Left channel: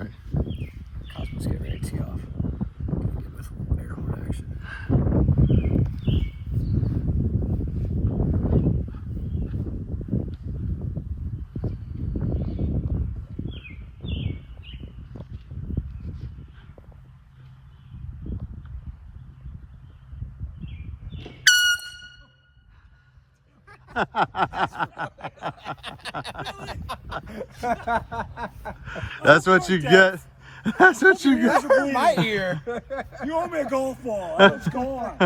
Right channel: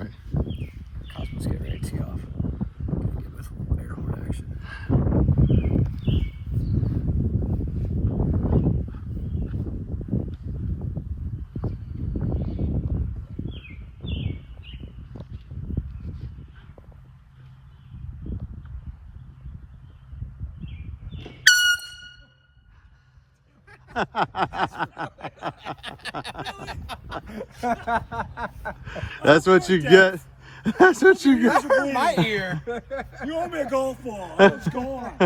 Right. Cosmo's getting ready to tee off. With air horn action. That's what you get. That's what you get. That hurt my ear. You owe me a golf ball. What's going on?